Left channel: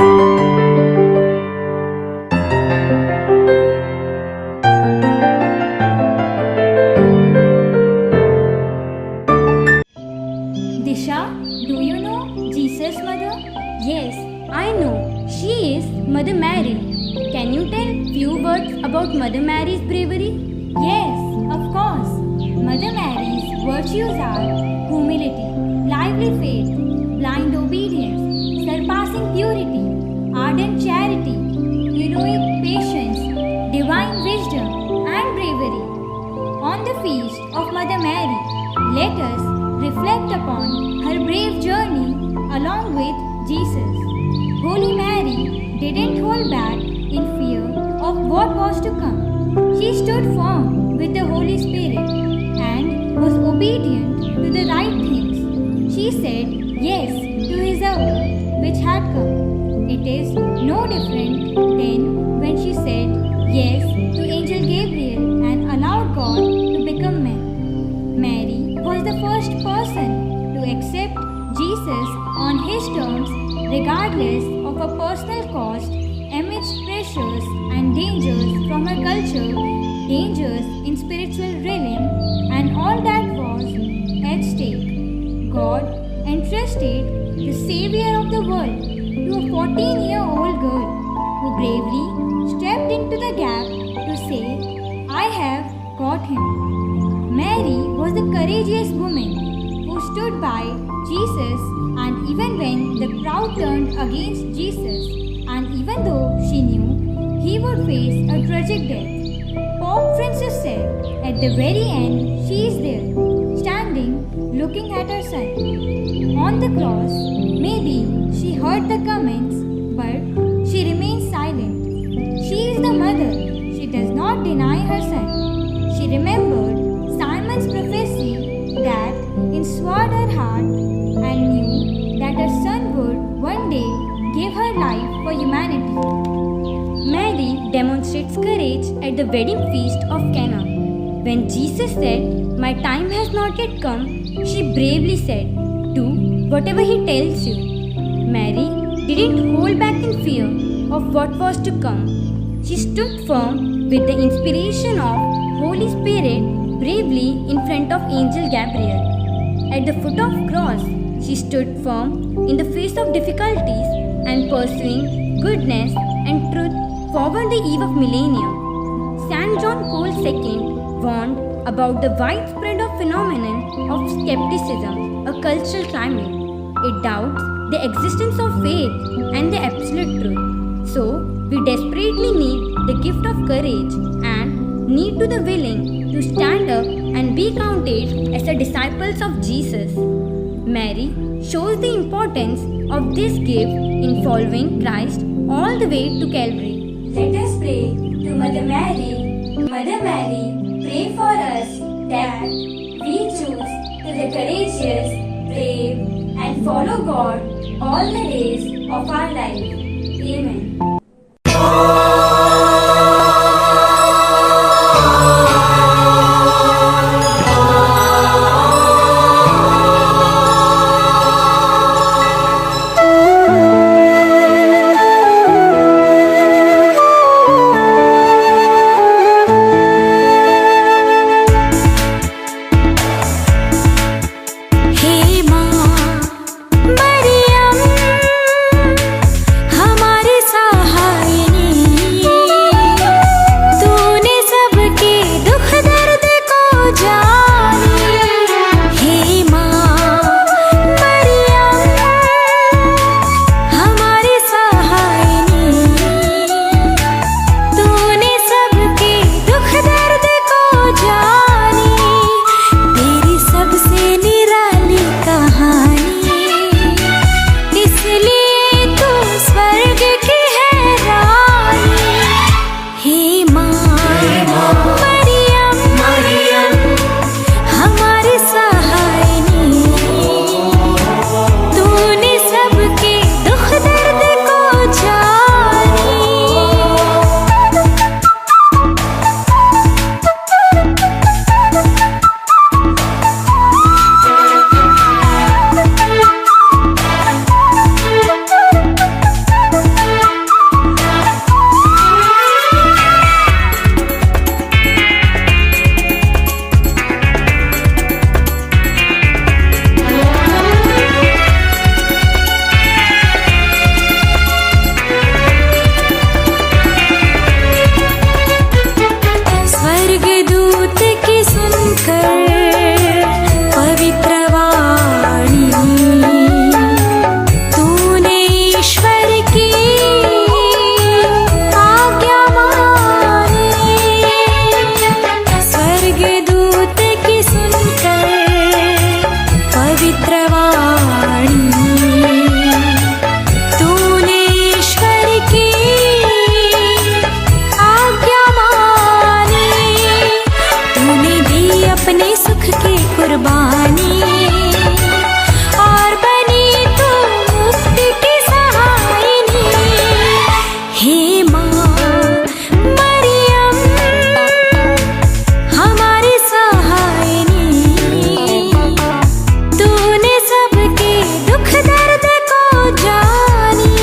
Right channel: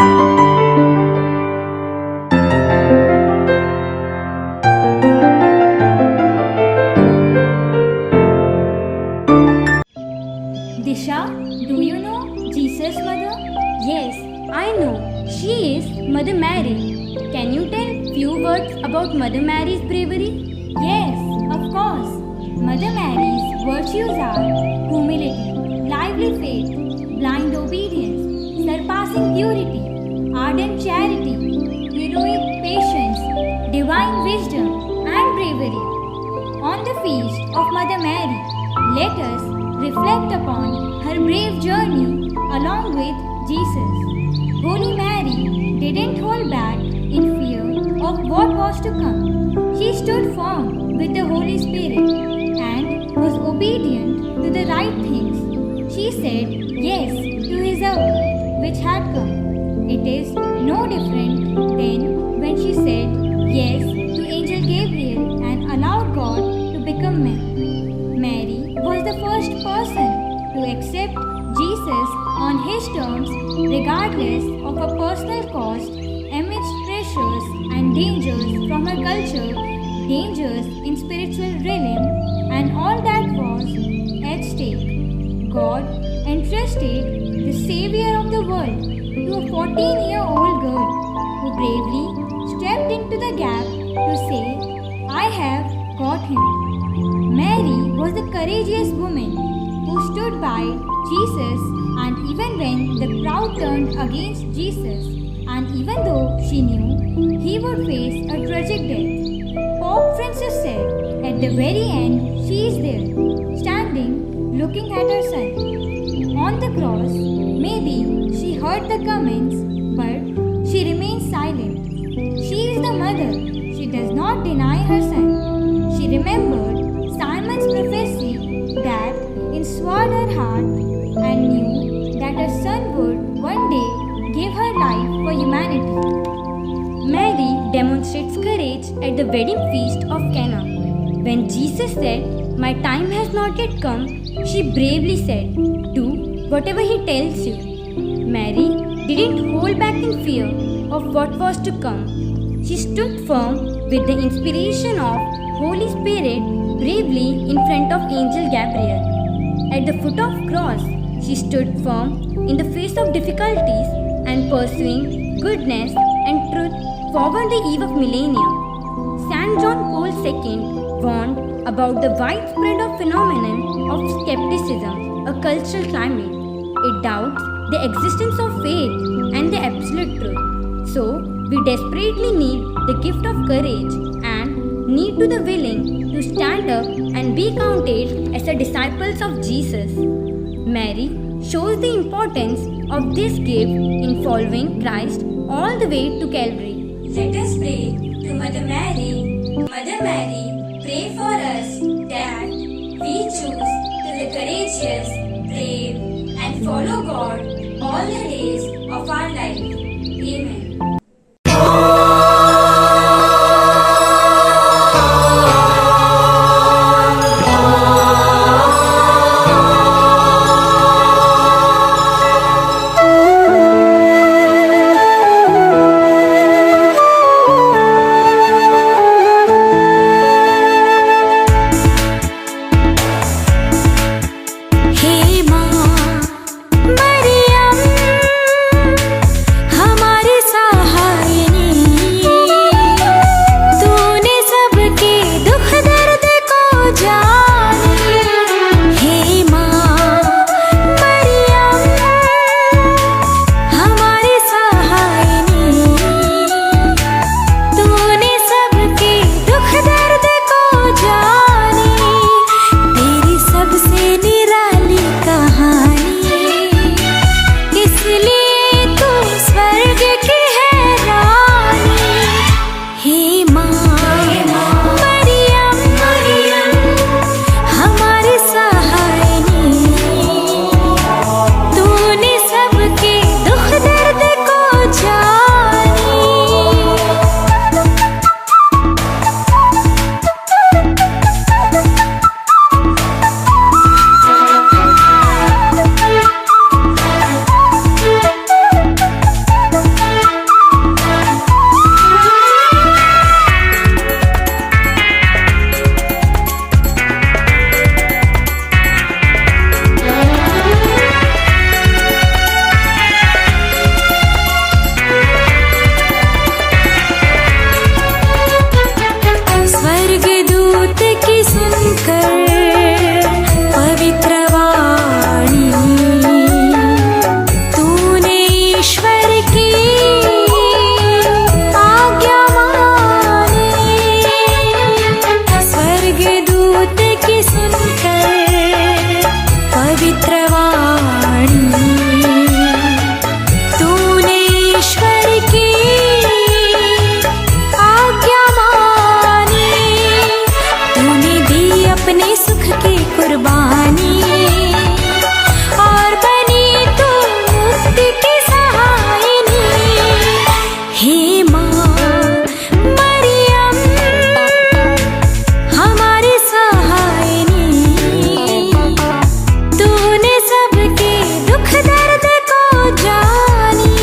Disha, do you know Jesus' mother? Yes, I know. She is Mother Mary. Can you tell few words about Mother Mary's bravery? Yes, of course. Mother Mary's virtues are humility, lively faith, blind obedience, surpassing purity, ardent charity, heroic patience, divine wisdom, and bravery. On the feast of Mother Mary, let us reflect upon her brave journey along with Jesus. Holy Mary didn't hold back in fear of what was to come. She stood firm with the Holy Spirit and was obedient to the right things. She said yes to His hour which had come. It is no different than when she said yes to Angel Gabriel and allowed God to become man. Mary was the first person to accept Jesus on His terms regardless of a personal cost amidst pressures and dangers from her culture, dangers in spiritual realm, and all that was at stake. God entrusted the Savior of the world to a 14-year-old girl who bravely stepped into the gap to say, I have got him. Mary was the courageous woman who stood by Jesus, and even when the crowd turned against Jesus, and even though she knew he would face a tragic death, Pope Francis said, at the very end, she is there, standing, looking at her son. On the cross, maybe she heard the comments, but she remains silent. She is the mother. She does not deny her son. She remembered Simon's prophecy that inswallowed her heart and knew that her son would one day give her life for humanity. Mary demonstrates courage at the wedding feast of Cana. When Jesus said, My time has not yet come, she bravely said, Do whatever He tells you. Mary didn't hold back in fear of what was to come. She stood firm with the inspiration of Holy Spirit bravely in front of Angel Gabriel. At the foot of cross, she stood firm in the face of difficulties and pursuing goodness and truth forward the eve of millennium. St. John Paul II warned about the widespread phenomenon of skepticism, a cultural climate. It doubts the existence of faith and the absolute truth. So, we desperately need the gift of courage and need to the willing to stand up and be counted as the disciples of Jesus. Mary shows the importance of this gift in following Christ all the way to Calvary. Let us pray to Mother Mary. Mother Mary, pray for us that we choose to be courageous, brave, and follow God all the days of our life. Amen. हमारी सहारा कुर्बानी और बनी तू मुक्ति की सहायनी। हे माँ मरियम हमारी सहायनी, तूने सबके दुख दर्द को जानी।